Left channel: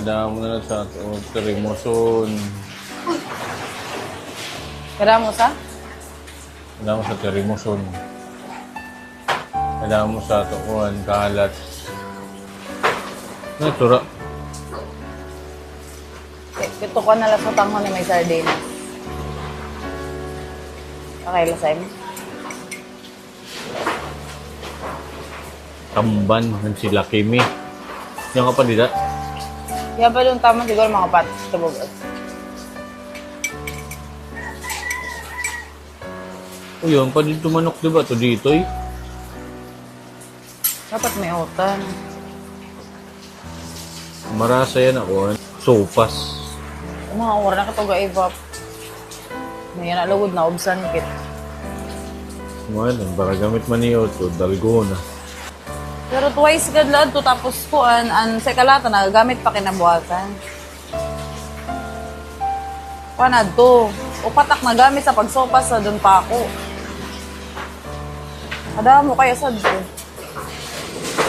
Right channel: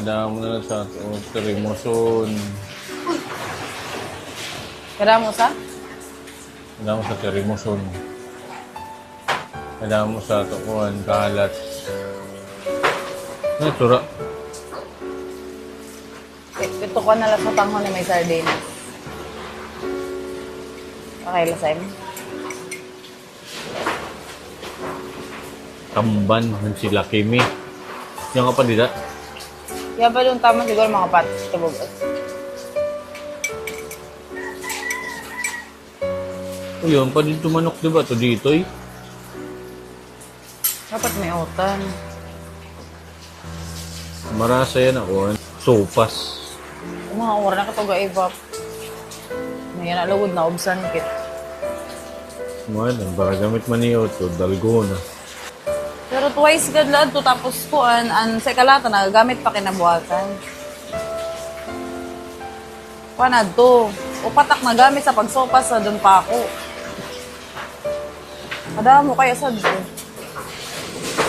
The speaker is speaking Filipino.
Nadaan mo na lang sa terimoson. Kira mo sa? Nadaan mo sa terimoson. Nadaan mo sa tukuan, kalat. Ay, tura. Ito ko na lang sa tanghon na may sardinas. Nakailasay mo. Tamban, yung sila Kimi. Yung ka pa nila. Kaya ba yung tama siguro mga patis kabugas? Yun, pa dito manok, diba? Ito dito eh. Dapat may utang. Marasa yan ako. Sopas. Mga oras na katoga ibap. May na lugod na ubsan kit. Well, para gamit man niyo ito, dalgo na. Pero twice gadlaan to tapos kuan an sa kalata na gamit pa kinabuhatan. Panad to. Upatak na gamit sa pagsopas sa dun pa ako. Kada mo kaya sa